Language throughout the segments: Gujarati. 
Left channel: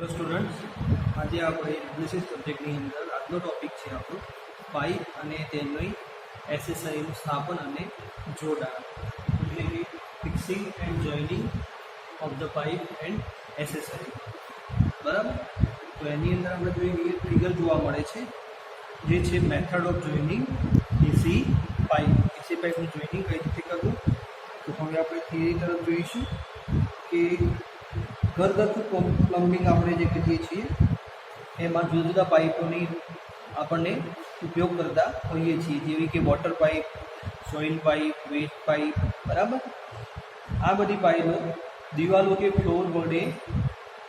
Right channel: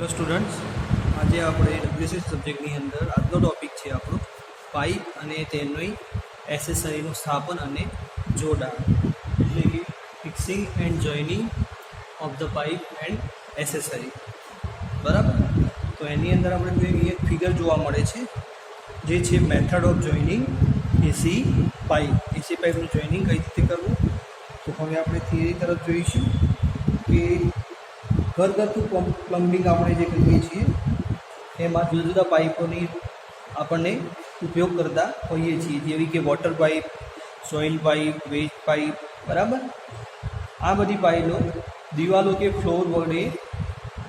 હેલો સ્ટુડન્ટ્સ, આજે આપણે ડબ્લ્યુસી સબ્જેક્ટની અંદર આજનો ટોપિક છે આપણો પાઇપ અને તેમની એસેસરીનું સ્થાપન અને જોડાણ, એટલે કે fixing and joining of the pipe and accessory. બરાબર, તો એની અંદર આપણે જોઈએ એક ફિગર જોવા મળે છે જે છે method of joining AC pipe. AC પાઇપનું જોઇનિંગ કઈ રીતે કરવું, તો હવે આપણે થિયરી તરફ જોઈશું કે ઘરગથ્થુ પ્લમ્બિંગ આપણે જે કરીએ છીએ એમાં જુદા જુદા પાઇપોની આપણને ઉપયોગ કરતા હોઈએ છીએ, જેવી કે water pipe, soil pipe, waste pipe. બરાબર, આ બધી પાઇપો દિવાલો કે ફ્લોર વડે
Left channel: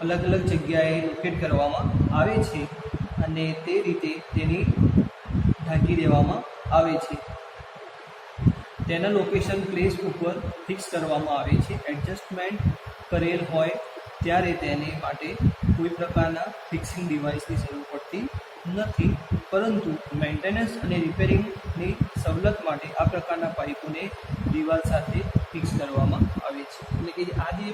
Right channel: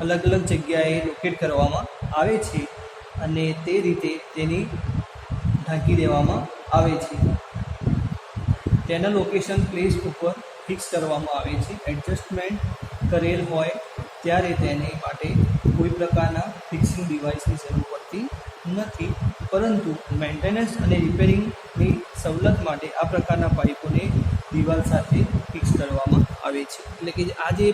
અલગ અલગ જગ્યાએ લોકેટ કરવામાં આવે છે અને તે રીતે તેની ઢાંકી દેવામાં આવે છે. તેના લોકેશન પ્લેસ ઉપર ફિક્સ કરવામાં આવે છે. એડજસ્ટમેન્ટ કરેલ હોય ત્યારે તેને માટે કોઈ પ્રકારના ફિક્સિંગ ડિવાઇસની જરૂર પડતી નથી, પરંતુ મેન્ટેનન્સ અને રિપેરિંગની સવલત માટે આ પ્રકારના પાઇપોને દિવાલ સાથે ફિક્સ કરવામાં આવે છે. એટલે કે આ જે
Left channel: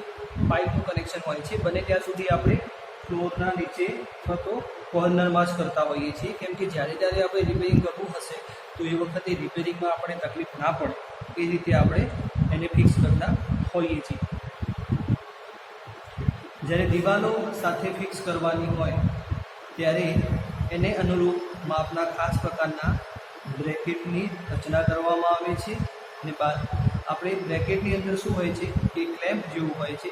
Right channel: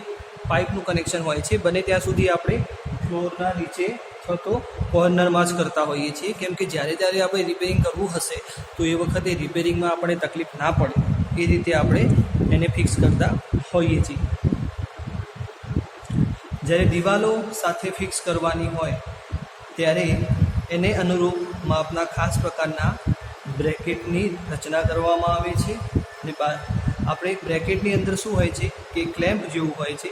પાઇપનું કનેક્શન હોય છે બને ત્યાં સુધી આપણે ફ્લોરના નીચે અથવા તો કોર્નરમાં જ કરતા હોઈએ છીએ, કેમ કે જ્યારે આપણે રિપેરિંગ કરવું હશે તો એ વખતે રિપેરિંગમાં આપણે તકલીફ ના પડે એ રીતે આપણે એને ફિક્સ કરતા હોઈએ છીએ. જ્યારે દિવાલો સાથે ફિક્સ કરવાની હોય ત્યારે એને અનુરૂપ માપના ખાસ પ્રકારના બ્રેકેટની રચના કરવામાં આવે છે. અને આપણે બ્રેકેટની અંદર શું હોય છે કે ક્લેમ્પ જેવું હોય છે,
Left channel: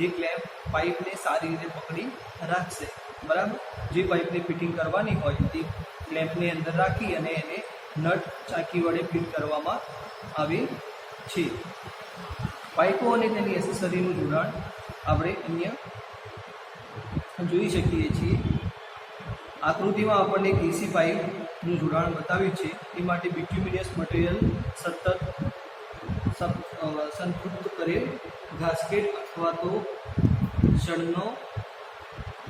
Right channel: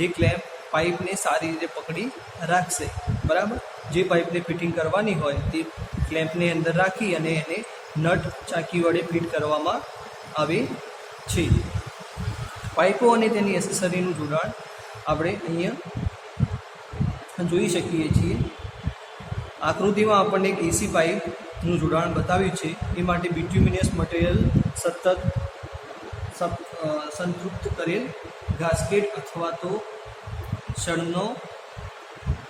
જે ક્લેમ્પ પાઇપને સારી રીતે પકડી રાખશે. બરાબર, જે પાઇપને ફિટિંગ કરવાની હોય તે ક્લેમ્પની અંદર રાખી અને એને નટ ચાકી વડે ફિટ કરવામાં આવે છે. પાઇપો અને તેની એસેસરીનું જોડાણ આપણે અહીંયા જોઈ શકીએ છીએ. આકૃતિમાં આપણને એક એસી પાઇપનું જોડાણ બતાવ્યું છે. એ માટે બિટ્યુમિનિયસ મટીરિયલ સતત સંતૃપ્ત કરેલ ગાસ્કેટ અથવા તો શણનો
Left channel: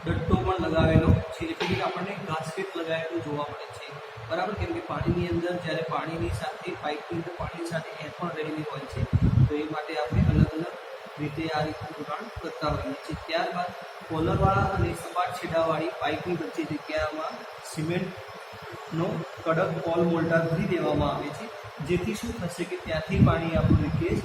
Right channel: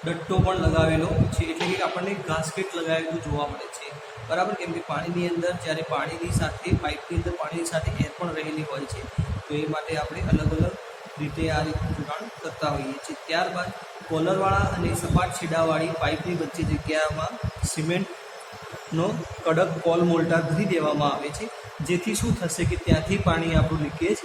ડટ્ટો પણ લગાવેલો છે, એટલે કે આપણને ગાસ્કેટ લગાવેલું જોવા મળે છે. બરાબર, કેમ કે પાણીની અંદર જ્યારે પાણીની સાથે પાઇપની અંદર પાણીની સાથે એર પણ રહેલી હોય છે, તો એ માટે આપણે અલગ અલગ રીતે આ રીતનું જોડાણ કરતા હોઈએ છીએ. ત્યારબાદ કોલરવાળા અને સપાટ છેડાવાળી પાઇપની વચ્ચે જગ્યામાં સિમેન્ટનો કડક પોલ મોલ્ટા ભરી દેવામાં આવે છે, જેથી શું થશે કે ત્યાંથી પાણી આપણું લીકેજ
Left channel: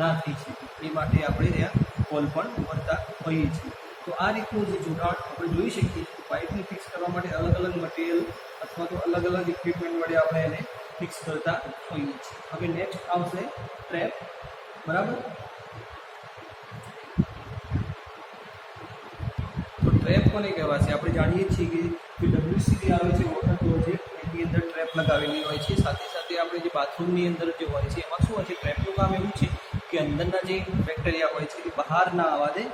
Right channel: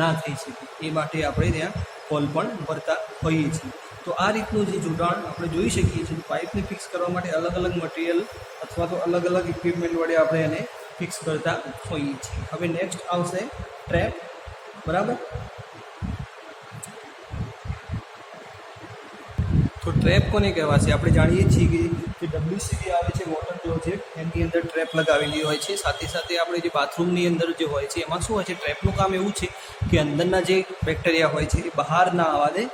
ના થઈ શકે. એ માટે આપણે ત્યાં પોલ પણ ભરતા હોઈએ છીએ. તો આ રીતનું જે જોડાણ આપણે જોઈ શકીએ છીએ. પાઇપને ફિક્સ કરવા માટે અલગ અલગ મટીરિયલ અથવા તો અલગ અલગ ઇક્વિપમેન્ટ વડે આપણે એને ફિક્સ કરતા હોઈએ છીએ. હવે નેક્સ્ટ આવશે ટ્રેપ. બરાબર, તો ટ્રેપ કોને કહેવાશે? આપણે જાણીએ છીએ કે જે ડબ્લ્યુસી આવે છે વોટર ક્લોઝેટ, એની અંદર ટ્રેપ લગાવેલી હોય છે. સાથે સાથે આપણે જે બાથરૂમની અંદર જે હોય છે એમાં શું હોય છે, ટ્રેપનું કામ એવું છે કે અંદરના જે બેક્ટેરિયા હોય છે એ બહાર ના આવવા દે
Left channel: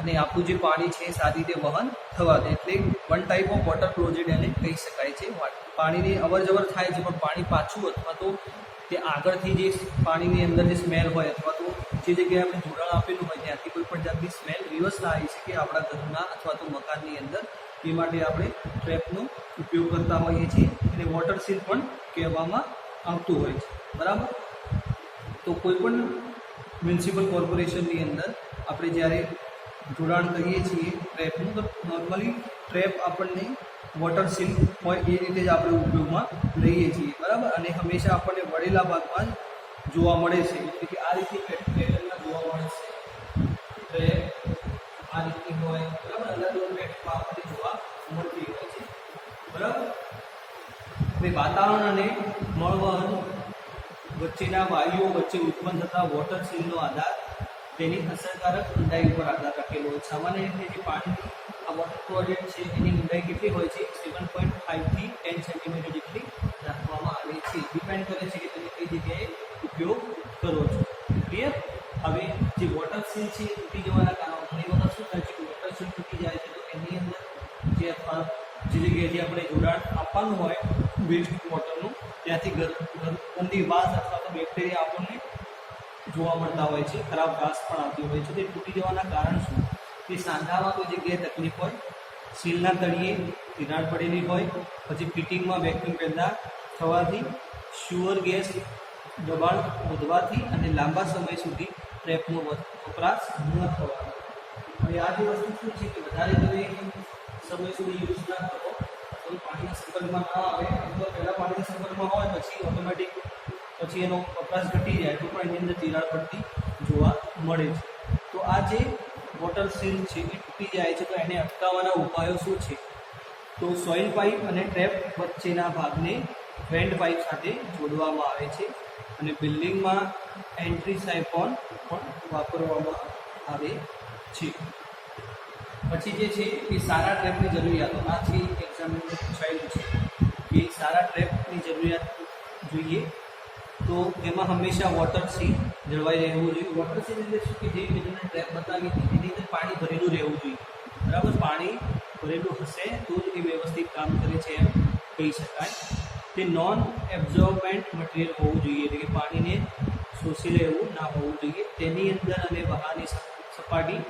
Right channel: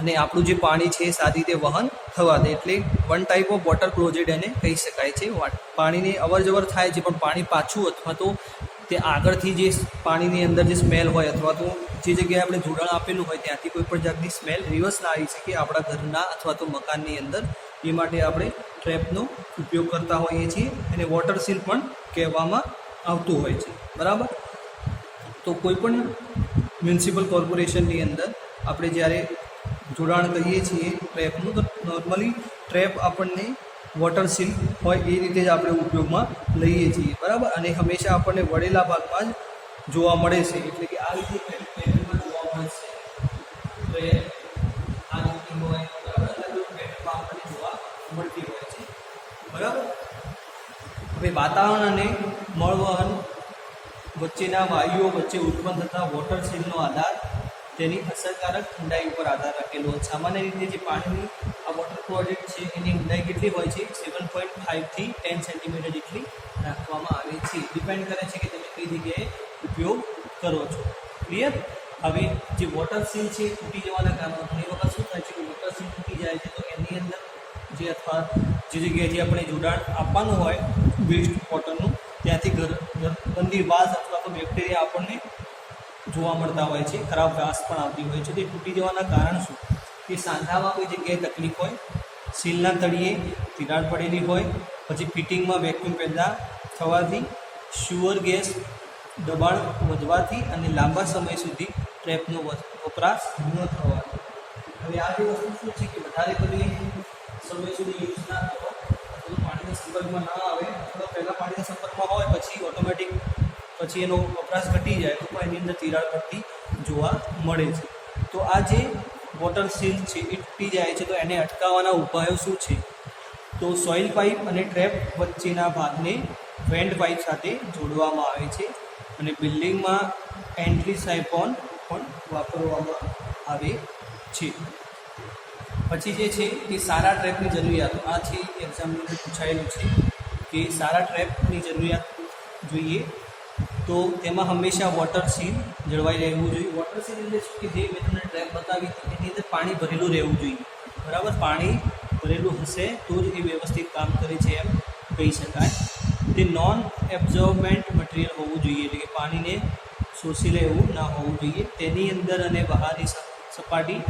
અને આપણું જે પાણી છે એ સારી રીતે વહન થવા દે. એટલે one type of water closet એને કહી શકાય છે. પાણીની અવર જવર થાય છે પણ પાણી પાછું અથવા તો તે આગળથી જે પાણીની અંદર જે સ્મેલ હોય અથવા તો જે જગ્યાએ આપણે જોડાણ આપેલું હોય ત્યાંથી કોઈ પણ જાતની સ્મેલ રિવર્સ ના આવી શકે આપણા ઘરના અથવા તો મકાનની અંદર. એ માટે આપણે ટ્રેપનો ઉપયોગ કરતા હોઈએ છીએ. અને વોટર સીલ પણ કહેવામાં આવતું હોય છે. બરાબર, તો કોઈ પણ મ્યુનિસિપલ કોર્પોરેશનની અંદર આપણે જ્યારે જોડાણ કરીએ છીએ ટ્રેપનું, તો નોર્મલી ટ્રેપ આપણને વોટર સીલ હોય એ રીતે જ આપણે ઉપયોગમાં લઈએ છીએ. બરાબર, અને હંમેશા આપણને વળેલા ભાગમાં જ જોવા મળે છે, એટલે કે આ રીતે પેટર્નમાં જોવા મળે છે. તો એ આ રીતની હોય. બરાબર, અલગ અલગ પેટર્નમાં આપણને જોવા મળતી હોય છે. બરાબર, હવે વાતાવરણ અને મળવહન વચ્ચેના વાયુઓ વચ્ચે ઉત્પન્ન થતા વોટર સીલનો આધાર તેની અસરકારક ઊંડાઈ ઉપર આધાર રાખેલો. સામાન્ય રીતે જે પાણીની આ વોટર ક્લોઝેટ છે એની ઊંડાઈ કેટલી હોય છે? 7.5 થી 10 સેન્ટીમીટર જેટલી રાખવામાં આવે છે. ડિપેન્ડ કરે છે કે તમે કઈ જગ્યાએ ઉપયોગ કરો છો. ક્લિયર? હવે જે વોટર સીલ છે એ તૂટી જવાના કારણો ઘણી વખત શું થાય છે કે વોટર સીલ તૂટી જાય છે, તો એની અંદર જે અથવા જે જગ્યાએથી આપણે જોડાણ આપવાનું હોય વેસ્ટ વોટરનું, ત્યાંથી ગંદી વાસ અથવા તો બેક્ટેરિયા આપણને જોવા મળતા હોય છે, ખરાબ વાસ પણ આવતી હોય છે. તે તૂટી જવાના કારણ શું? કે સાંધામાં કોઈ જગ્યાએ તકલીફ હોય, સીલના તળિયે તિરાડ પડેલી હોય, પછી ફિટિંગમાં વેક્યુમ પેદા થવાથી, શ્યુઅર ગેસ દબાણ વધવાથી અને લાંબા સમય સુધી ટ્રેપનો વપરાશ ન થવાથી. હવે હવે આ જે વસ્તુ શું છે કે વધારે તમે સમય સુધી યુઝ ના કરો અથવા પાણીના સંપર્કમાં ના આવે અથવા પહેલાં પાણીના સંપર્કમાં હોય પછી ઓટોમેટિક પછી એનો વપરાશ ઘટી જાય તો પણ એની અંદર તિરાડ પડતી જોવા મળે છે. તો આ જે વોટર સીલ છે એ તૂટી જાય છે તો એને અટકાવવાના ઉપાયો શું છે? તો સોઇલ પાઇપ અને ટ્રેપ વચ્ચેના ભાગને વેન્ટ પાઇપ સાથે જોડવામાં આવે છે અને બિલ્ડિંગમાં એન્ટ્રી સાયફોન પણ વાપરવામાં આવે છે. પછી જે છે એ સારા ટ્રેપની જરૂરિયાતો આ છે એક્ઝામની અંદર પૂછાયેલું છે કે સારા ટ્રેપની જરૂરિયાત જોઈએ તો તેમાં હંમેશા વોટર સીલ જળવાઈ રહેવું જોઈએ. વોટર સીલ એટલે શું કે જે મેં તમને ટ્રેપ બતાવી હતી એની અંદર પાણી ભરેલું રહેવું જોઈએ. બરાબર, પાણી ભરેલું હશે તો જ એ વ્યવસ્થિત કામ કરે છે એમ કહી શકાય. તે નોન એબ્ઝોર્બન્ટ મટીરિયલ હોવું જોઈએ એટલે કે પાણીને શોષી લે એવું ના હોવું જોઈએ. તેની અંદર અને બહારની સપાટી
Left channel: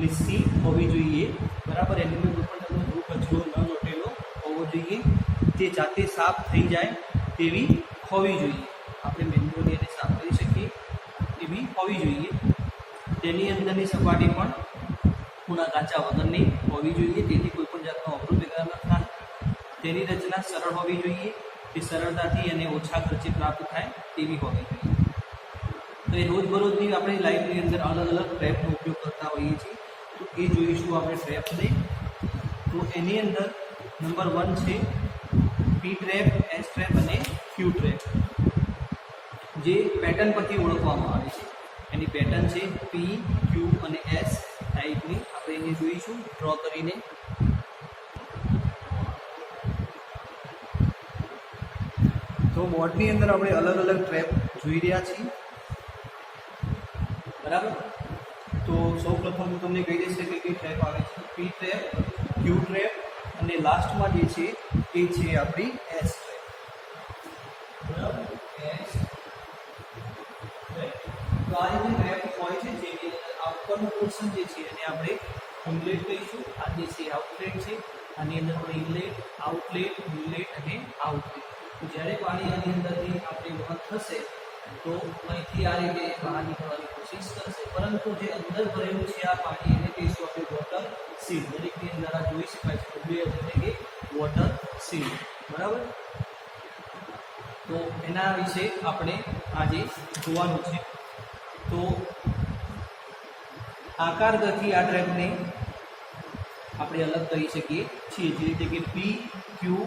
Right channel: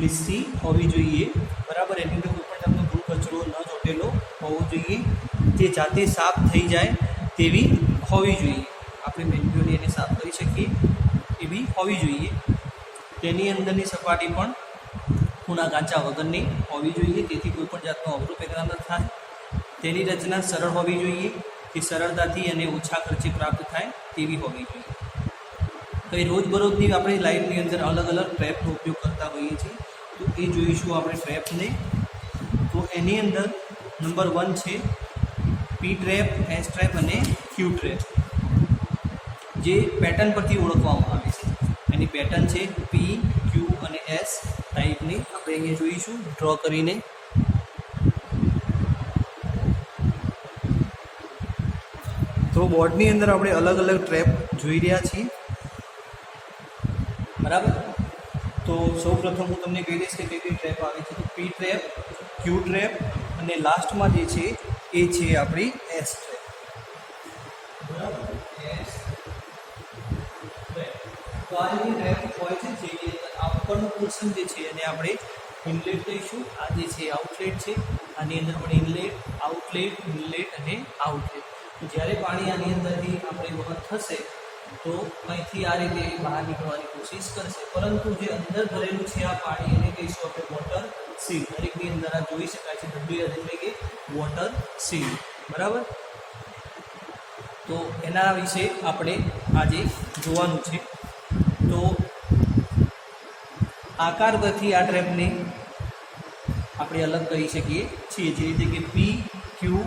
લીસી હોવી જોઈએ. બરાબર, એની અંદર કોઈ પણ તમને ધૂળ કચરો ન ચોટેલો હોવો જોઈએ. તે જાતે સાફ થઈ જાય તેવી હોવી જોઈએ. આપણે મેન્યુઅલી એને સાફ કરી શકીએ એવી હોવી જોઈએ. તેની અંદરની સપાટી પણ ખૂણા કાચા વગરની હોવી જોઈએ તેથી કોઈ પણ જાતનો અવરોધ પેદા ન થાય. તેની રચના સરળ હોવી જોઈએ. તે સરળતાથી અને ઓછા ખર્ચે પ્રાપ્ત થાય તેવી હોવી જોઈએ. તો એ રોજબરોજની આપણી લાઈફની અંદર અલગ અલગ ટ્રેપનો ઉપયોગ કરતા હોઈએ છીએ તો એ જોઈશું આપણે ટ્રેપને. તો એની અંદર નંબર 1 છે પી ટ્રેપ, એસ ટ્રેપ અને ક્યુ ટ્રેપ, જે પેટર્ન પરથી ઓળખવામાં આવે છે. એની પેટર્ન છે પી, ક્યુ અને એસ ટાઈપની. આપણે અહીંયા જોઈશું ડ્રો કરીને. તો બોર્ડની અંદર આપણે અલગ અલગ ટ્રેપ જોઈ રહ્યા છીએ. બરાબર, તો સૌ પ્રથમ હું તમને કહી દઈશ કે કઈ કઈ ટ્રેપ આવે છે. તો પી ટ્રેપ, ક્યુ ટ્રેપ અને લાસ્ટમાં જે છે એ છે આપણી એસ ટ્રેપ. બરાબર, એસ ટ્રેપ. તો આ જે ટ્રેપ હોય છે જે આ ઉપરનો પોર્શન જે છે એને આપણે ઇનલેટ કહીશું. આ જે છે આઉટલેટ છે. આની અંદર પણ ઇનલેટ, આઉટલેટ, ઇનલેટ અને આઉટલેટ. જ્યારે પાણી આની અંદરથી આપણે વહન થશે તો અહીંથી આ રીતે બહાર નીકળવાની કોશિશ કરશે, પરંતુ જે અંદર ભરેલું છે આ પાણી એને કહીશું આપણે વોટર સીલ. દરેકની અંદર આ જોઈ શકાય છે WS એટલે કે વોટર સીલ. બરાબર, તો એના વિશે આપણે આજે જોવાનું છે. તો આકાર ગતિ આ ટ્રેપને આપણે અલગ કરી શકીએ છીએ, જે રીતે કે પી, ક્યુ,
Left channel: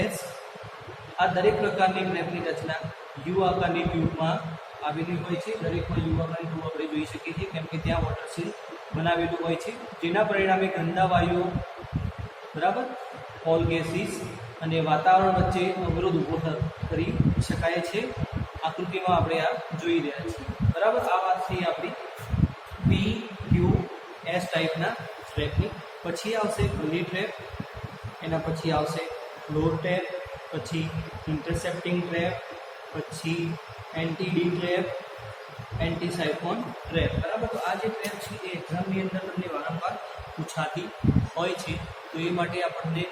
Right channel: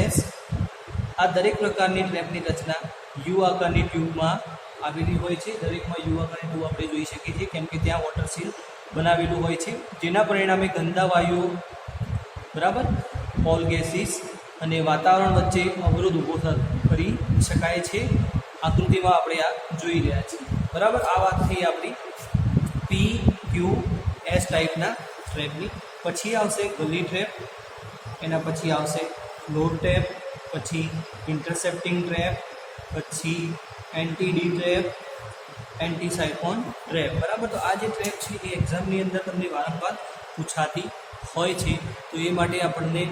એસ. આ દરેક પ્રકારની ટ્રેપની રચના યુ આકારની ટ્યુબમાં આવેલી હોય છે. દરેકમાં યુ આકારની ટ્યુબ આપણે જોઈ શકીએ છીએ કેમ કે ત્યાં વોટર સીલ બનાવેલું હોય છે, જેના પરિણામે ગંદા વાયુઓ, બરાબર, ઓલ ગેસીસ અને વાતાવરણ વચ્ચે અવરોધ ઊભો કરી શકાય છે. આકૃતિમાં આપણે આ જોઈ રહ્યા છીએ. બરાબર, આ વાત થઈ આપણી પી, ક્યુ, એસ ટાઈપના ટ્રેપની. પછી આવશે ગલી ટ્રેપ, એના પછી આવશે ફ્લોર ટ્રેપ, પછી ઇન્ટરસેપ્ટિંગ ટ્રેપ, પછી એન્ટી-ડી ટ્રેપ, એન્ટી સાયફોન ટ્રેપ. બરાબર, તો આ જે ટ્રેપ છે એ એક્ઝામની અંદર તમને વારંવાર પૂછાતી હોય છે. તો એ માટે આપણને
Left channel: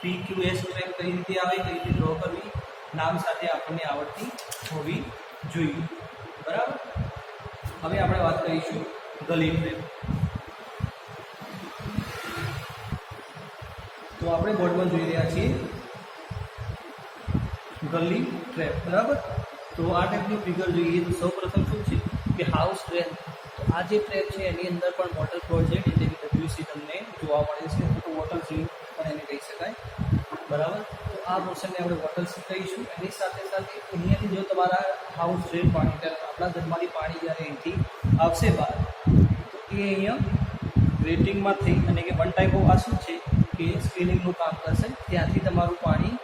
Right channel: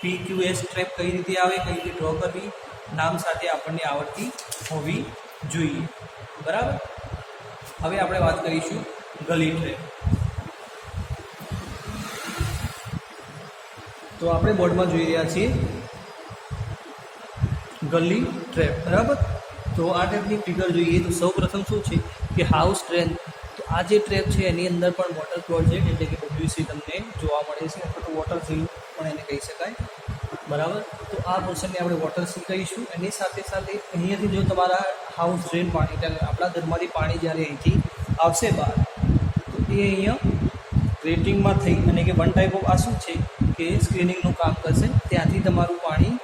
પી, ક્યુ, એસ ટ્રેપ કઈ રીતે આવે, કઈ રીતે ડ્રો કરવી, નામ સાથે આપણને આવડતી હોવી જોઈએ. બરાબર, હવે આપણે વાત કરીશું ગલી ટ્રેપ. તો આપણે બોર્ડમાં જોઈ રહ્યા છીએ ગલી ટ્રેપ. બરાબર, તો આ ટાઈપની ફિગર જોઈએ તો સૌ પ્રથમ શું છે કે હાઉસ ટ્રેપ. તો આ જે ટ્રેપ છે એની અંદર પણ વોટર પ્રોજેક્ટ એટલે કે WC તમને જોવા મળે છે અથવા તો વોટર સીલ પણ એને કહી શકાય. બરાબર, તો આ પોર્શનને આપણે વોટર સીલ કહીશું. એની સાથે સાથે અહીંયાથી જો તમારા હાઉસ ડ્રેન પાણી એટલે આપણા ઘરમાંથી પાણી જ્યારે અહીંથી આવશે બહાર તો એ અહીંયા ગ્રેટિંગમાં થઈ અને કે વન ટાઈપ ઓફ આ શું છે કે સ્ક્રીનિંગનું કામ કરશે. ત્યાંથી તમારું પાણી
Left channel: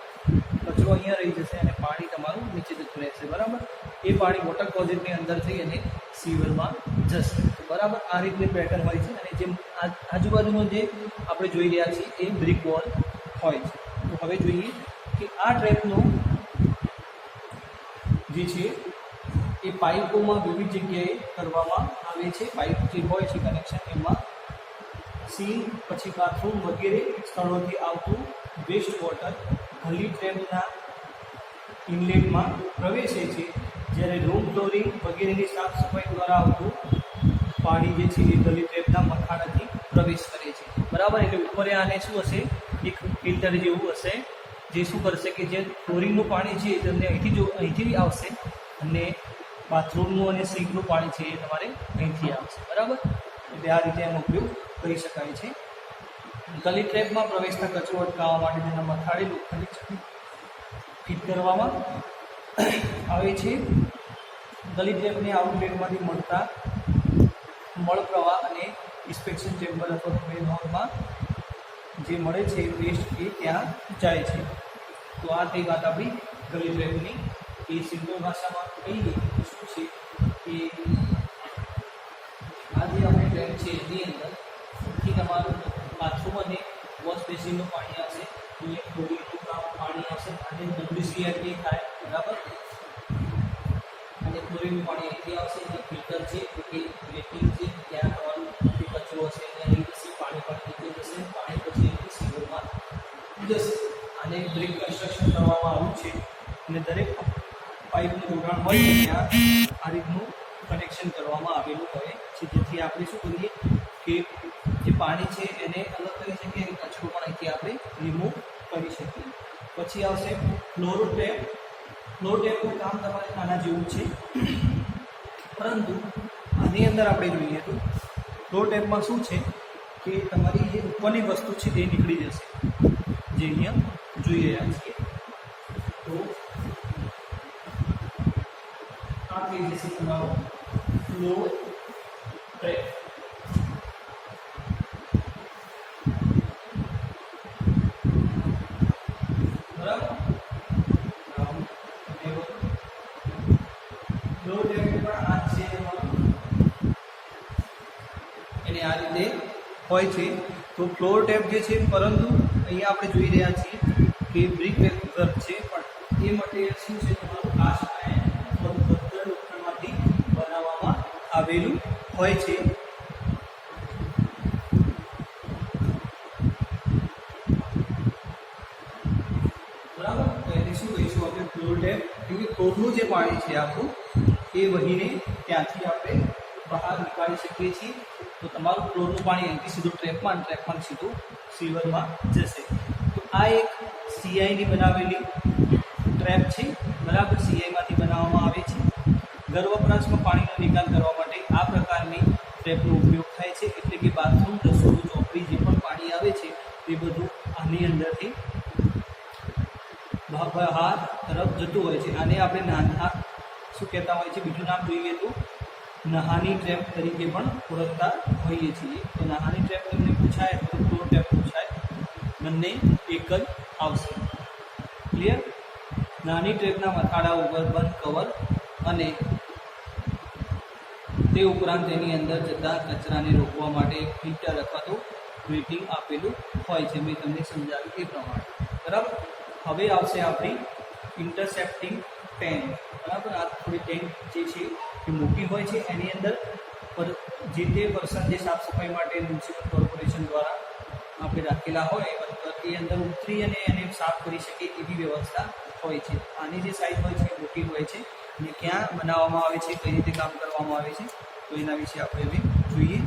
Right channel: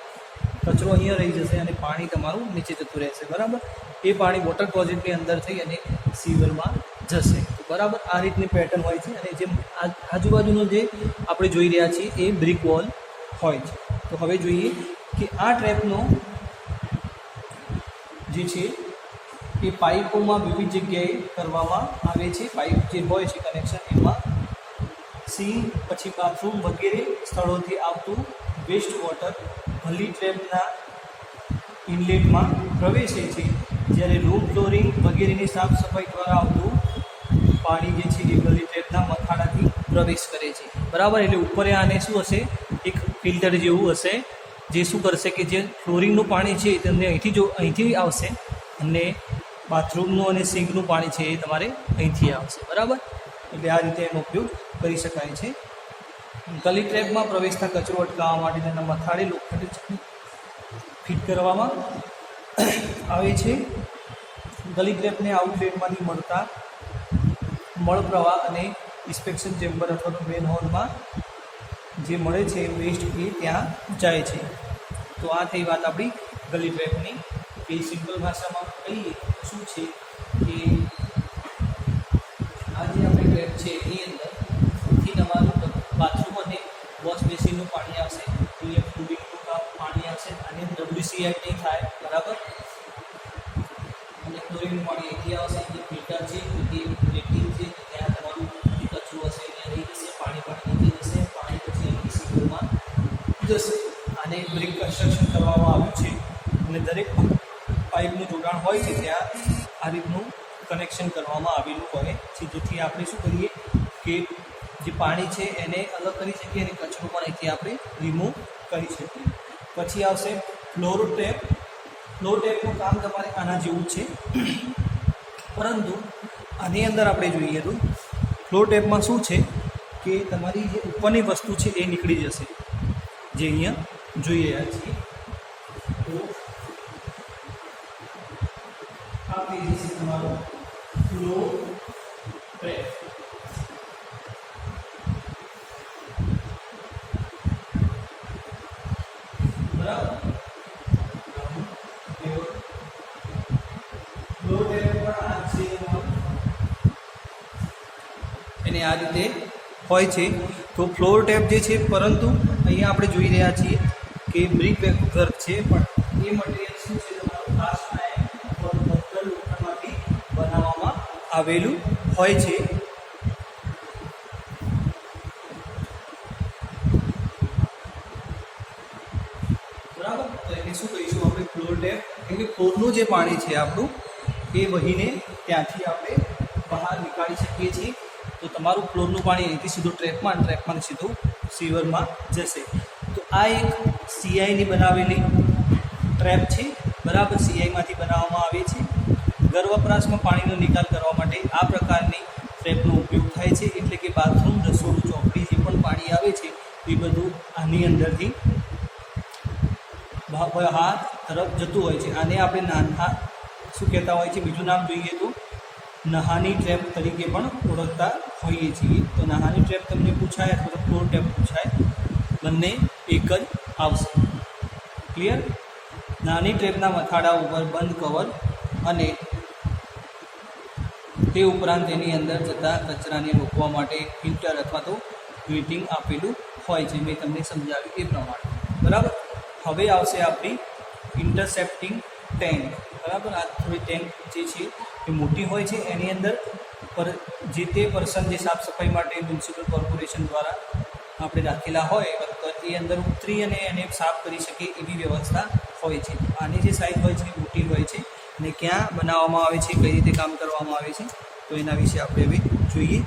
કચરો અહીંયા રહી જશે અને પાણી તમારું નીચે જતું રહેશે. બરાબર, એ પાણી વોટર ક્લોઝેટની અંદર થઈ અને સીવરમાં જશે. બરાબર, આ રીતની પેટર્ન હોય છે અને જેમ આજુબાજુનો જે આપણે જોઈ રહ્યા છીએ એ બ્રિક વોલ હોય છે. તો હવે જોઈએ કે આ ટ્રેપનો જે છે એ પાઇપોમાં વિવિધ જગ્યાએ કરવામાં આવે છે. પાઇપ જે હોય છે કનેક્શન એમાં સીલ, પછી બાથરૂમ વગેરે સ્થળોથી આવતું વેસ્ટ વોટર ગલી ટ્રેપના ઇનલેટમાં પ્રવેશે છે. જ્યારે રૂમ ફ્લોરિંગ વગેરેની સાફ સફાઈ દ્વારા આવતું પાણી જે છે એ ગલી ટ્રેપના મથાળાથી પ્રવેશ કરે છે, બરાબર. એટલે ઉપર આને શું હશે, એક ફિલ્ટર જેવું હશે, જે શું કરશે કે જે ફ્લોરિંગનું પાણી છે એ તમને અહીંથી આવશે, અને બાથરૂમનું અને સિંકનું પાણી છે એ તમારે અહીંથી આવશે, બરાબર. એટલે આ રીતે એનો ઉપયોગ કરી શકાય છે. ગલી ટ્રેપમાં પ્રવેશતા કચરો અટકાવવા માટે તેના મથાળે લોખંડી ચકડી ફિટ કરવામાં આવે છે. ગલી ટ્રેપને આઉટલેટમાંથી મળતા મળ પ્રવાહ અને ઇન્સ્પેક્શન ચેમ્બર અથવા તો મેન હોલમાં જે મળે છે વેસ્ટ એ ત્યાં જાય છે. તો આ થઈ વાત આપણી ગલી ટ્રેપની. એ સિમ્પલ ભાષામાં કહીએ તો શું છે કે આ જે આપણી ટ્રેપ છે એની અંદરથી તમારું બાથરૂમ અને વોશ બેસિનનું પાણી આવશે, અહીંયા ફ્લોરિંગનું પાણી આવશે, આની અંદર WCI નહીં થાય, બરાબર. અને ફ્લોરિંગનું પાણી અહીંથી આવશે, અહીંયા ફિલ્ટર છે કે રેટિંગ છે, ત્યાં તમારું જે કચરો હશે અહીંયા રહી જશે, પાણી નીચે જશે, પાણી પછી અહીંથી સિંગલમાં જશે. આને બ્રિક કન્સ્ટ્રક્શન કરવામાં આવ્યું છે અને દરેક પાઇપનું જોડાણ હોય છે ત્યાં આ રીતનું કનેક્શન કરવામાં આવેલું હોય છે, જેથી આપણે શું કરીએ કે જે પાણી છે એને અલગ કરી શકીએ અને કચરો પણ અહીંથી આપણે રિમૂવ કરી શકીએ. પછી આવશે ફ્લોર ટેપ. ફ્લોર ટેપનું કામ તમારે આના જેવું છે, પરંતુ આની અંદર આપણે જોઈએ તો ફ્લોર ટેપમાં શું છે કે તમારી જે ઉપરની વસ્તુ છે એ નીકળી જશે, જે અહીંયા જોઈ રહ્યા છીએ. તો આ થઈ જશે તમારો ફ્લોર ટેપ, બરાબર. ફ્લોર ટેપ પણ આ છે એને આ રીતે હોય છે. તો ફ્લોર ટેપ જે છે, પરંતુ અહીંયા આપણે જોઈ રહ્યા છીએ કે બ્રિક વર્ક છે, પણ એ મટીરિયલ શું છે તમારું કાસ્ટ આયર્ન અથવા પથ્થર લોખંડમાંથી બનાવવામાં આવેલું હોય છે. બરાબર. તો એને શું કહીશું આપણે ફ્લોર ટેપ, કેમ કે ફ્લોરનું જે પાણી છે આપણું એ વહીને ત્યાંથી આપણે બહાર નીકાળી શકીએ છીએ. તો તમારું ફ્લોરનું પાણી અહીંથી સીધું ટ્રેપમાં અને ટ્રેપમાં સીધું સીવરમાં જશે. તો આ એક CIની બનાવેલી ટ્રેપ છે, બરાબર. CIમાંથી બનાવવામાં આવે છે. ઘર વપરાશમાં પાણીનો નિકાલ કરવા માટે આ પ્રકારની ટ્રેપનો ઉપયોગ થાય છે. એટલે કે બાથરૂમ, રસોડું, ચોકડી જે પણ પાણી આવે છે એ બધું આની અંદરથી બહાર તરફ જતું હોય છે. આને આપણે નાના શું કહેતા હોય છે, બીજું નામ જોઈએ તો નહાની ટ્રેપ તરીકે પણ ઓળખતા હોઈએ છીએ. તો નહાની ટ્રેપ તમને પૂછાય અથવા તો ફ્લોર ટેપ પૂછાય, બંને એક જ આવશે. ક્લિયર. નાની ટ્રેપના મથાળા ઉપર બંધ કવર અને તે ઉપરાંત તેની અંદર જતા કચરાને રોકવા માટે એક ફિલ્ટર અથવા તો ગ્રીટિંગ આપેલું હોય છે, મેં તમને સમજાવ્યું એ પ્રમાણે, બરાબર. હવે આવશે આપણી ઇન્ટરસેપ્ટિંગ ટેન્ક, બરાબર. આ થોડી ટેન્ક જે છે એ મોટી હોય છે, એની અંદર જે તે પર્સન જે સાફ સફાઈ માટે મ્યુનિસિપલ કોર્પોરેશન દ્વારા આપણે રાખેલા હોય એ અંદર ઉતરી અને એને સાફ કરી શકે એવી વ્યવસ્થા હોય છે. આની જે સાઇઝ હોય છે એ મોટી હોય છે અને ક્યાં બનાવવામાં આવે છે, કઈ રીતે કામ કરવામાં આવે છે, તો એના વિશે આપણે હવે જોઈએ.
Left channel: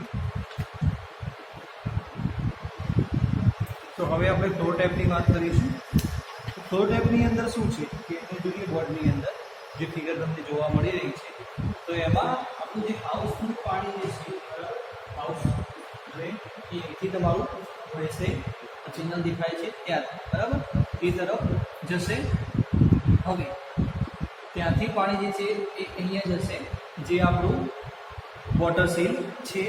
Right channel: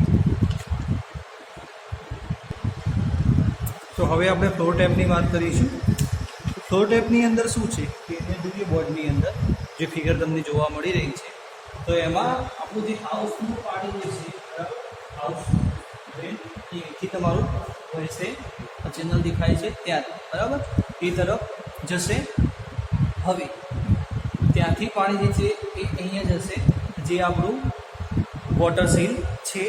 તો હવે આપણે ફ્લોર ટેપની વાત કરીશું. ફ્લોર ટેપની અંદર શું છે કે એને જોઈએ બોર્ડની અંદર જે ફિગર તમને જોવા મળી રહી છે, તો એમાં આપણું જે હાઉસનું પાણી જે છે, બરાબર, હાઉસ ડ્રેન એ અહીંથી તમારું વહેશે, ચેનલ દેખાય છે ત્યાં, બરાબર, એ તરફ જશે. હવે ત્યાંથી પાણી જે છે એ અહીંયા જશે, જે આપણું વોટર સીલ છે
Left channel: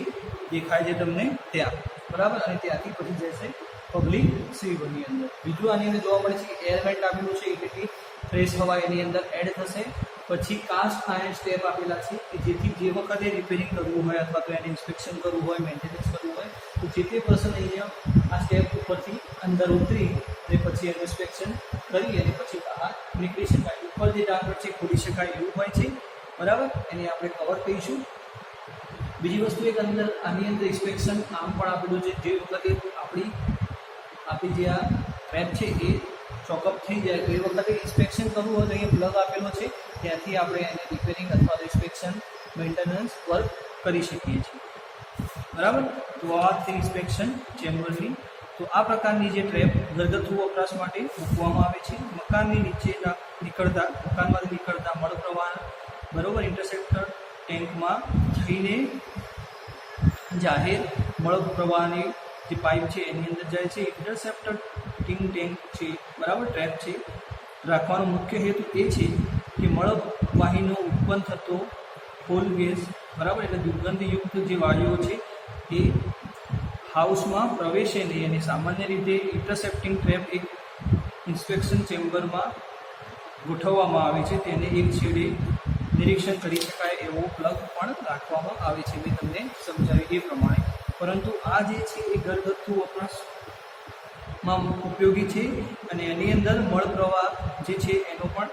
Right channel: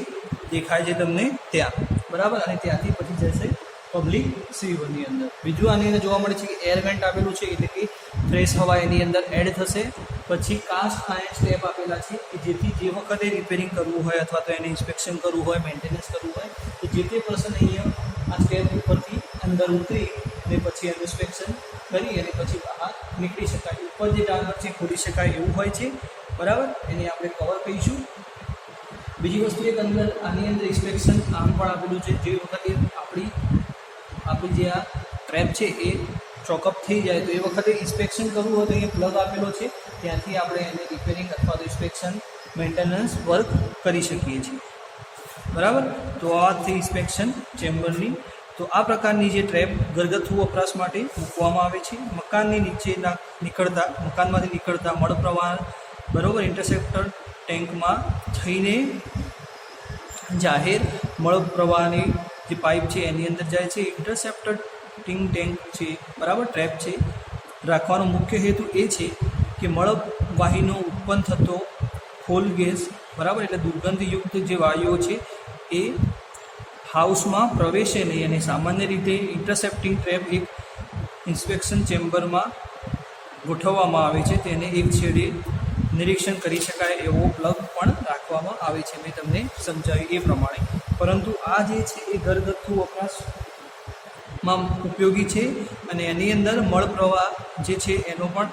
દેખાય છે તમને ત્યાં, બરાબર. અને ત્યાંથી પછી જશે પબ્લિક સીવરની અંદર. બીજું આની અંદર જોવા મળે છે કે એર વેન્ટ આપેલું છે, એટલે કે ફ્રેશ હવા એની અંદર એડ થશે. પછી કાસ્ટ આયર્ન સ્ટેપ આપેલા છે કે જેથી જે વખતે રિપેરિંગ કરવું હોય અથવા તો એને ઇન્સ્પેક્શન કરવું હોય, મેન્ટેનન્સ કરવું હોય, તો જે તે પર્સન અહીંયા આ સ્ટેપ ઉપરથી અંદર ઉતરી અને પછી એનું ઇન્સ્પેક્શન કરી અને પછી બહાર નીકળી શકાય. ઉપર જે ડાગર છે ખોલી શકાય એવું હોય છે, બરાબર. એને આપણે કવર કહીશું. બીજી વસ્તુ એક અંદર આની અંદર ઇન્સ્પેક્શન આમ પણ આપેલું છે, જે વખતે આપણી જે આ ટ્રેપ છે એ ચોકઅપ થઈ જાય તો એ વખતે ઇન્સ્પેક્શન કરવું હોય તો અહીંયા પ્લગ આપેલો છે, ત્યાંથી આપણે એને રિપેરિંગ અથવા તો ઇન્સ્પેક્શન મેન્ટેનન્સ વર્ક કરી શકીએ છીએ. બરાબર. તો આ થઈ ઇન્સ્પેક્શન ચેમ્બરની. તો આ પ્રકારની જે ટ્રેપ ઘરગથ્થુ વપરાશ માટે મૂકવામાં આવે છે. મકાનમાંથી નીકળતા મળ પ્રવાહ બરાબર ઇન્ટરસેપ્ટર ટેન્કમાં થઈને જાહેર મળ પ્રવાહની જે પાઇપ છે એની અંદર જાય છે. ઇન્ટરસેપ્ટર ટેન્ક છે બરાબર ટ્રેપ છે રાખવાનો મુખ્ય હેતુ એ છે કે મળવાહીનો ઉત્પન્ન થતો ફોલ ગેસ બરાબર એટલે દુર્ગંધયુક્ત જે વાયુઓ છે એ હાઉસમાં પ્રવેશે નહીં. અને સામાન્ય રીતે ઇન્ટરસેપ્ટિંગ ટ્રેપ એક ઇન્સ્પેક્શન ચેમ્બરમાં ગોઠવવામાં આવે છે. તેને એક છેડે નિરીક્ષણ કરી શકાય એવો પ્લગ પણ રાખવામાં આવે છે, મેં તમને સમજાવ્યું એ પ્રમાણે. પરંતુ આ જે છે એ ઘરગથ્થુ વપરાશમાં ઉપયોગી છે અને એની અંદર મળ પ્રવાહ જે છે એનો પણ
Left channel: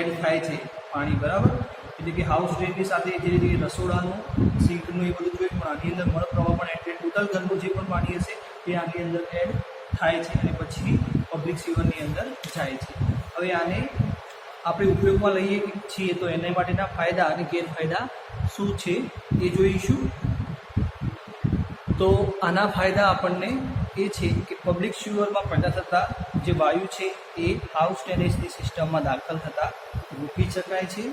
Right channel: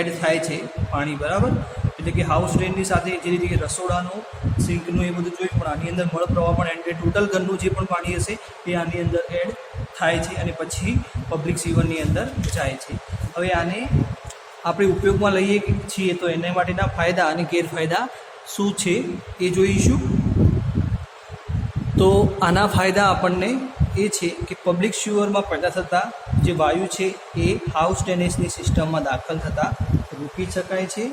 એડ થાય છે પાણી બરાબર. એટલે કે હાઉસ ડ્રેનની સાથે જે રીતે રસોડાનું સિંકનું એ બધું જોયું, પણ આની અંદર મળ પ્રવાહ પણ એડ ટોટલ ઘરનું જે પણ પાણી હશે એ આની અંદર એડ થાય છે અને પછી પબ્લિક સીવરની અંદર જાય છે. હવે આને આપણે ઉપયોગમાં લઈએ છીએ તો એના માટેના ફાયદા અને ગેરફાયદા શું છે એ જોઈશું. તો આના ફાયદા આપણને એ છે કે પબ્લિક સ્યુઅરમાં પેદા થતા જે વાયુ છે એ હાઉસ ડ્રેનેજની સિસ્ટમમાં દાખલ થતાં રોકી શકાય છે.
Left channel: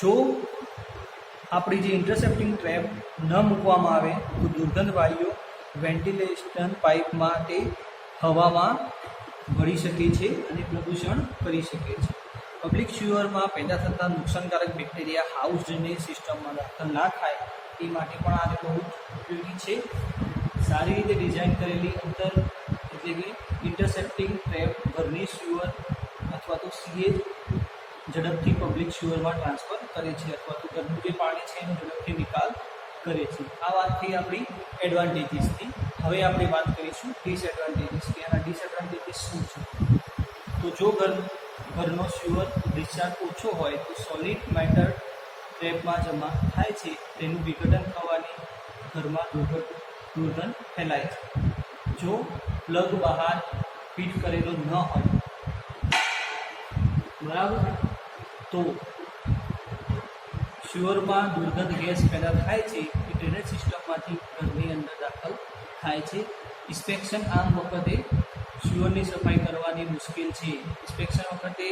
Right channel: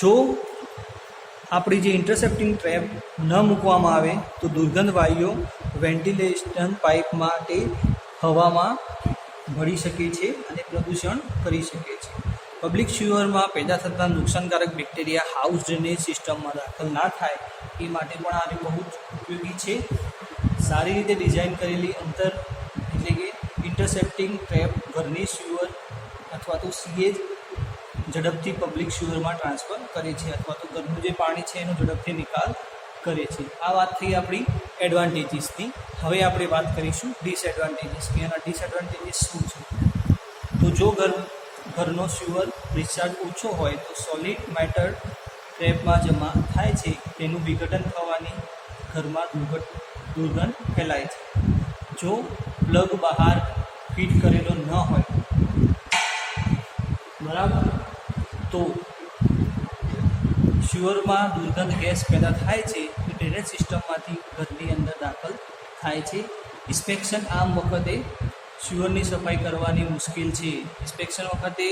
જો આપણી જે ઇન્ટરસેપ્ટિંગ ટ્રેપ ન મૂકવામાં આવે તો દુર્ગંધ વાયુઓ વેન્ટિલેશન પાઇપ માટે હવામાં ભળી શકે છે અને પ્રદૂષણ કરી શકે છે. પબ્લિક સ્યુઅરમાં પેદા થતા નુકસાનકારક બેક્ટેરિયા હાઉસ ડ્રેનેજ સિસ્ટમમાં દાખલ ના થાય એ માટે પણ આને બહુ જ ઉપયોગી છે. સારી રીતે ડિઝાઇન કરેલી એટલે કે ઇન્ટરસેપ્ટિંગ ટ્રેપ ઘરની સ્યુઅર અથવા તો સીએજ ઝડપથી પબ્લિક સ્યુઅરમાં ટ્રાન્સફર કરે છે અથવા તો ઘરનું જે પાણી છે એનો ઝડપથી નિકાલ કરે છે. આ વાત થઈ આપણી એડવાન્ટેજીસની. હવે આપણે વાત કરીશું ડિસએડવાન્ટેજીસ કે એના ડિસએડવાન્ટેજીસ શું છે. તો જો ઘરનો સ્યુઅર ડિસ્ચાર્જ ઓછો હોય તો સોલિડ મેટર ટ્રેપમાં જમા થાય છે, તેનું વિઘટન થવાની ઘરમાં દુર્ગંધ ફેલાય છે. જો પ્લગ બહાર ફિટ કરેલો ન હોય બરાબર તો સ્યુઅરમાં દુર્ગંધ ગેસ પેદા થાય છે એ ડ્રેનેજ સિસ્ટમમાંથી ઘરની અંદર દાખલ થાય છે. ઇન્સ્પેક્શન આમ વખતે સ્યુઅરની સફાઈ કરવાની મુશ્કેલ છે. ઇન્સ્પેક્શન વખતે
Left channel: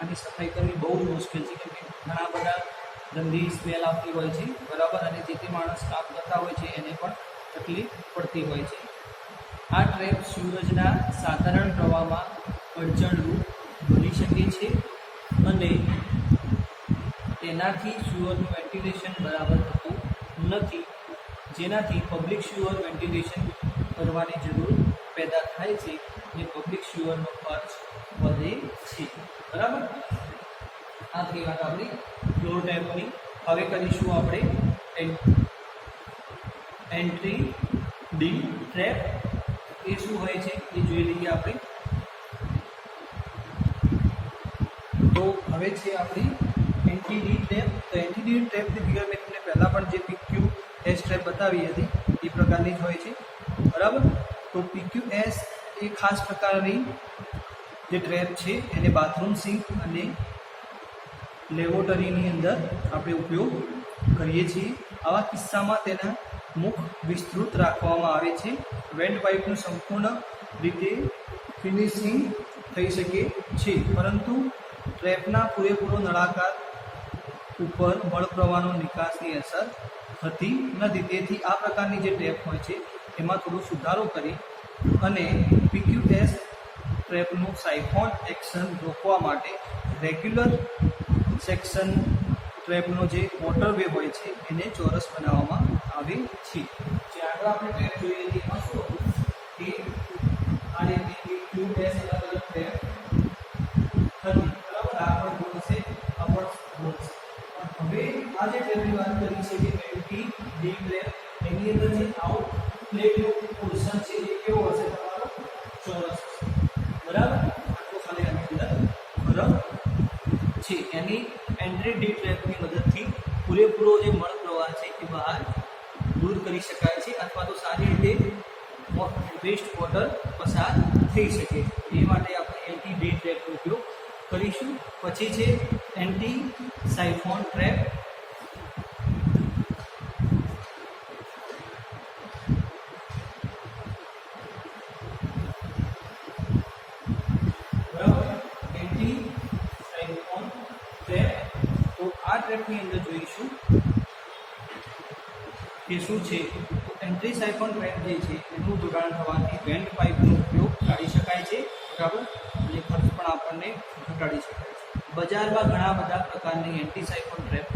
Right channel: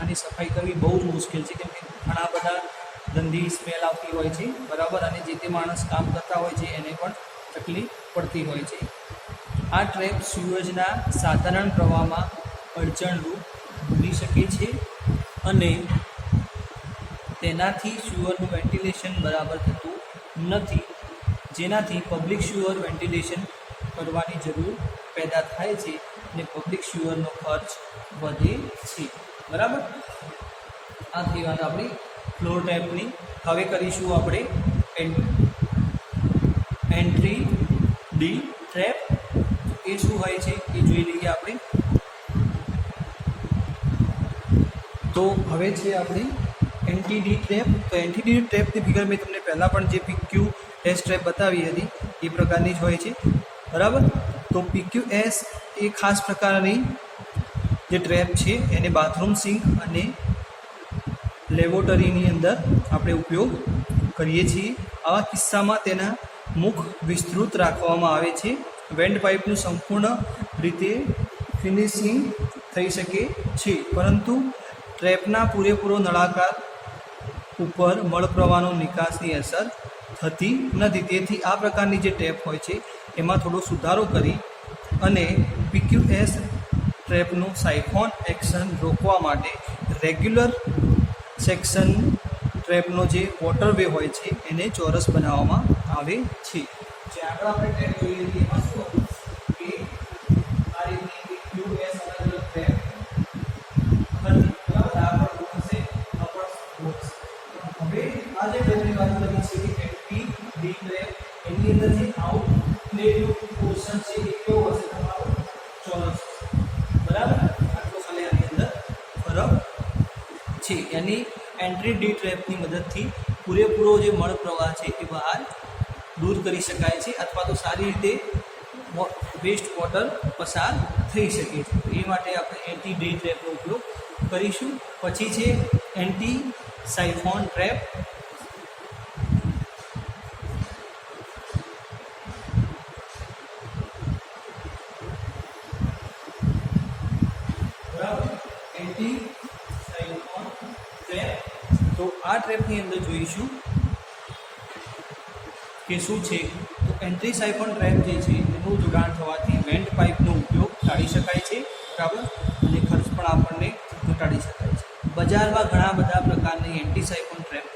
આની સફાઈ કરવી બહુ જ મુશ્કેલ છે કેમ કે ઘણા બધા ગંદી સ્મેલ આવતી હોય છે બરાબર અને જે તે માણસ કામ કરતા હોય છે એને પણ તકલીફ પડતી હોય છે. આ ટ્રેપ સ્યુએજના સાધારણ પ્રવાહમાં અડચણરૂપ બની શકે છે અને તેનાથી સ્યુઅરનું વેન્ટિલેશન બરાબર થતું નથી, જેનાથી પબ્લિક સ્યુઅર વેન્ટિલેશન કરવાની જરૂર પેદા થાય છે અને પબ્લિક સ્યુઅરનો ખર્ચ વધે છે બરાબર. આ થઈ વાત આપણી ફ્લોર ટેપની. હવે કરીશું આપણે એન્ટ્રી ડી ટ્રેપ. એ શું હોય છે એ જોઈ લઈએ આપણે. તો હવે છે આપણી એન્ટી-ડી ટ્રેપ. તો એન્ટી-ડી ટ્રેપની ફિગર મેં તમને પહેલાં પણ જે PQS ટ્રેપ બતાવી હતી એ પ્રકારની જ હોય છે બરાબર. તો PQS એ ખાસ પ્રકારની જે ટ્રેપ છે એને બાથરૂમ સિંક અને લેબોરેટરીની અંદર આપણે ઉપયોગ કરીએ છીએ. આવા કિસ્સામાં તેના મુખ વિસ્તૃત રાખવામાં આવે છે. વેન્ટ પાઇપનું સંપૂર્ણ રીતે ફિનિશિંગ થઈ શકે છે, પરંતુ ટ્રેપના પૂરેપૂરો નળાકાર ઉપર મળ પ્રવાહનો નિકાસની અસર થતી નથી. તેથી આ પ્રકારની જે ટ્રેપ હોય છે એમાં થોડો સુધારો કરી અને PQS ટ્રેપનું સાયફોન એક્શન રોકવા માટે રેગ્યુલર સેક્શન ટ્રેપનો જે વોટરવે હોય છે એને ચોરસ બનાવવામાં આવે છે. જે આગળ આપણે ટ્રેપ જોઈ લઈએ એમાં શું હતું કે આ રીતની PQS અલગ અલગ ટ્રેપ હતી બરાબર. આ પણ ગોળ છે, આ પણ ગોળ છે. હવે આ જે ટ્રેપની વાત કરી છે કે એન્ટી-ડી ટ્રેપ, એની અંદર જે આઉટલેટનો પોર્શન છે એ કેવો હશે તમારો ચોરસ બરાબર. આટલો ખાલી આની અંદર ફરક છે. એની એન્ટ્રી-ડી ટ્રેપની મદદથી પૂરેપૂરો જે મળ પ્રવાહ છે એ બહાર દૂર કરી શકાય છે અથવા તો સારી રીતે વેસ્ટ વોટર પસાર થઈ શકે છે. એ માટે આપણે એન્ટી-ડી ટ્રેપનો ઉપયોગ કરીશું. પછી છે એન્ટી સાયફોન ટ્રેપ. ટ્રેપની અંદર જોઈશું કે શું છે, તો એન્ટ્રી સાયફન ટ્રેપ જે છે એનું જોડાણ થવાથી વેન્ટ પાઇપનો ઉપયોગ ટાળી શકાય છે, બરાબર, અને ખર્ચ પણ આપણને ઘટાડી શકાય છે. બજારમાં ઘણા બધા પ્રકારની એન્ટી સાયફન ટ્રેપ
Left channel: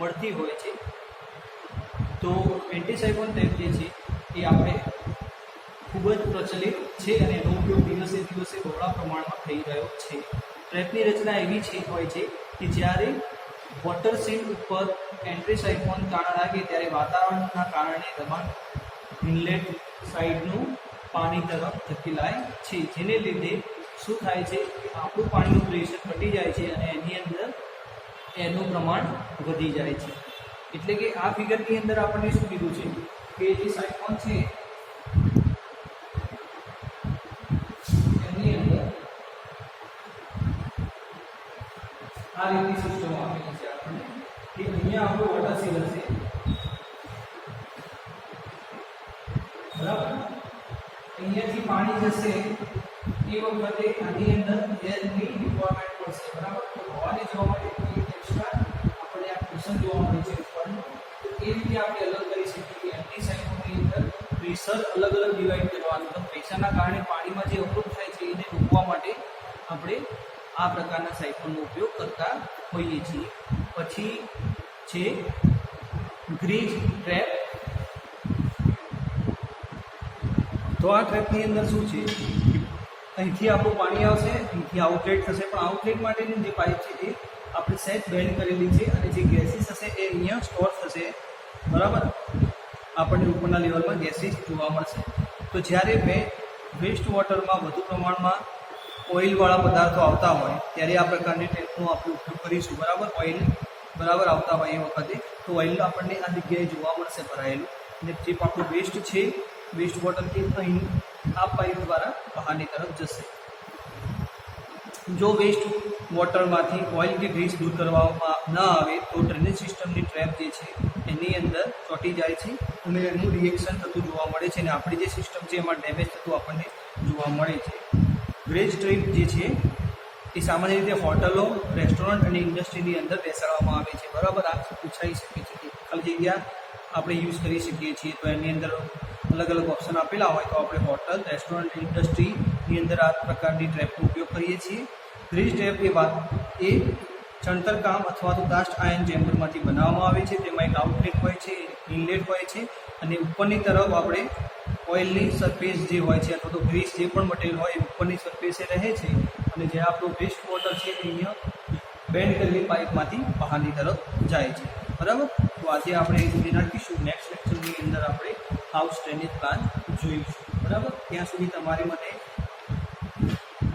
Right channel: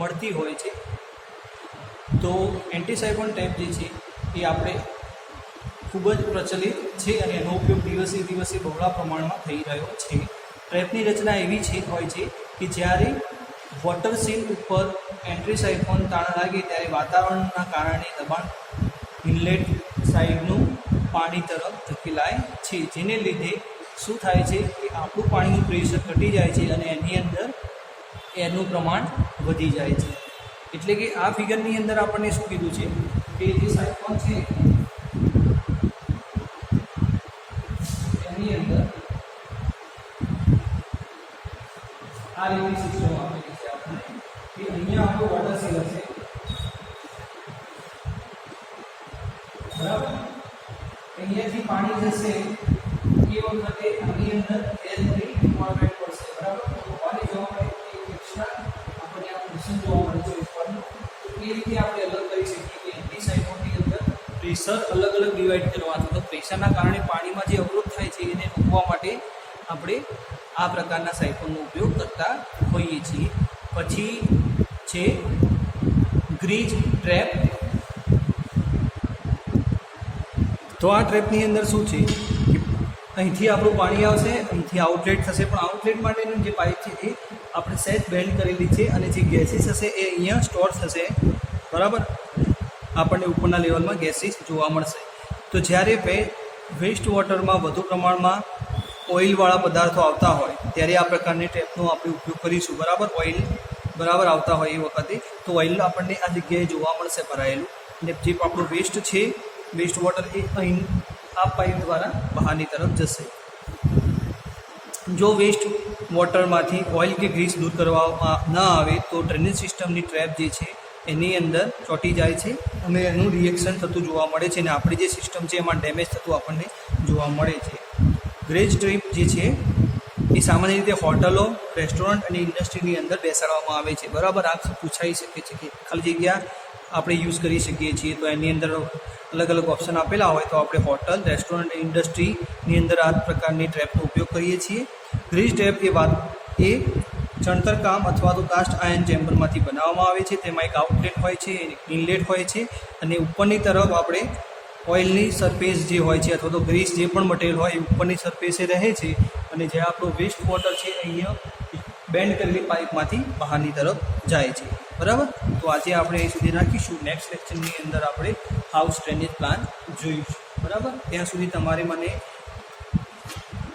મળતી હોય છે. તો એન્ટી સાયફન ટ્રેપ જે છે એ આપણે ખૂબ જ પ્રચલિત છે અને એનો ઉપયોગ દિવસે દિવસે બહોળા પ્રમાણમાં થઈ રહ્યો છે. ટ્રેપની રચના એવી હોય છે કે જ્યારે વોટર સીલ ઉપર એન્ટ્રી સાયફોન તાણ લાગે ત્યારે વાતાવરણના કારણે દબાણ ઇનલેટ સાઈડનું પાણી તરફ ધકેલાય છે, જેને લીધે શું થાય છે કે આપણું પાણીનું પ્રેશર ઘટી જાય છે અને એની અંદર એરનું પ્રમાણ વધી જાય છે. એટલે કે આ ફિગરની અંદર આપણને શું કીધું છે કે જે સાયફોન છે એની અંદર આ રીતની સિસ્ટમ આપેલી છે આપણને કે અહીંયા આપણું વોટર સીલ હશે, બરાબર, અહીંયાથી પાણી જશે એ વખતે આની અંદર એરની રિક્વાયરમેન્ટ પડશે, બરાબર. તો હવાને જવા માટે એક એક્સ્ટ્રા આપણને આ પ્રેશર જોવા મળે છે ઉપરનું. તો એ રીતે આપણે અલગ કરી શકીએ કે એન્ટી સાયફોનની અંદર પ્રેશર અલગ અલગ ડિવાઈડ કરવાનું. તો પ્રેશરના કારણે પાણીમાં જે અવરોધ થાય છે એને રોકવા માટે આપણે આ પ્રકારના સાયફોનનો ઉપયોગ કરતા હોઈએ છીએ. પછી છે ગ્રીજ ટ્રેપ. તો આ ટ્રેપની અંદર શું છે કે અહીંથી આપણું પાણી આવશે, અહીંથી આઉટલેટ થશે, પણ આઉટલેટ માટેની જે પાઇપ છે એ આપણે સેટ બેન્ડ કરેલી છે અને જે ગેસીસ હશે એ અહીંયા સ્ટોર થશે, બરાબર. આપણને ઉપરના લેવલમાં ગેસીસ જોવા મળશે. તો જ્યારે વેસ્ટ વોટરમાં વધુ પ્રમાણમાં ઓઇલવાળા પદાર્થો આવતા હોય ત્યારે આ પ્રકારની ટ્રેપનો આપણે ઉપયોગ કરીશું, બરાબર. ઓઇલ બરાબર આવતા હોય એ વખતે તો ઓઇલ આપણને આ જગ્યાએ જોવા મળશે ભરાયેલું, અને જે આપણું વેસ્ટ છે, વેસ્ટ વોટર એ અહીં આ પાઇપ દ્વારા બહારની તરફ જશે. જો વેસ્ટ વોટરમાંથી ઓઇલ કે ગ્રીસ દૂર કરવામાં ન આવે તો ડ્રેનેજ સિસ્ટમની ટ્રેપ જે છે એની અંદર ચોંટી જાય છે અને એનું રિએક્શન થતું જોવા મળે છે અને આપણી જે સિસ્ટમ છે એમાં ડેમેજ થતું આપણને જોવા મળે છે. ગ્રેજ ટ્રેપ જે છે એ સામાન્ય રીતે હોટલો, રેસ્ટોરન્ટ અને ઇન્ડસ્ટ્રીની અંદર બેસાડવામાં આવે છે, બરાબર. આ પૂછાઈ શકે છે કે ખાલી જગ્યા આપણે યુઝ કરી શકીએ છીએ, તો એની અંદર અલગ અલગ ઓપ્શન આપેલા હોય તો આપણે હોટલ, રેસ્ટોરન્ટ, ઇન્ડસ્ટ્રીની અંદર આ પ્રકારની ટ્રેપનો ઉપયોગ કરીએ છીએ. ગ્રીજ ટ્રેપ એ ચણતર કામ અથવા તો કાસ્ટ આયર્ન ચેમ્બરમાંથી બનાવવામાં આવે છે. તેમાં એક આઉટલેટ હોય છે, ઇનલેટ હોય છે અને ઉપરની તરફ આપણે ઓઇલની સરફેસ જે હોય છે અથવા તો ગ્રીસ જે પણ મટીરિયલ હોય એ ઉપરની સરફેસે રહે છે અને જે આપણો વેસ્ટ વોટર છે અહીંયા બેન્ડ કરેલી પાઇપમાંથી બહારની તરફ જાય છે, બરાબર. તો આજે આપણે અહીં સુધી રાખીશું. નેક્સ્ટ લેક્ચરની અંદર આપણે હાઉસ ડ્રેનેજ પ્લાન જોઈશું, બરાબર. ત્યાં સુધી તમારે મને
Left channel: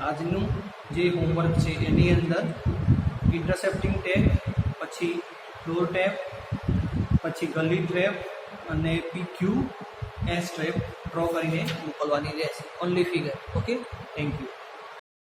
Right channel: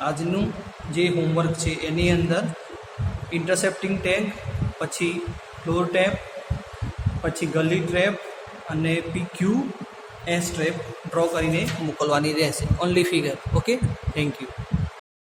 આજનું જે હોમવર્ક છે એની અંદર ઇન્ટરસેપ્ટિંગ ટેન્ક, પછી ફ્લોર ટેપ, પછી ગલી ટ્રેપ અને PQS ટ્રેપ ડ્રો કરીને મોકલવાની રહેશે. Only figure. Okay, thank you.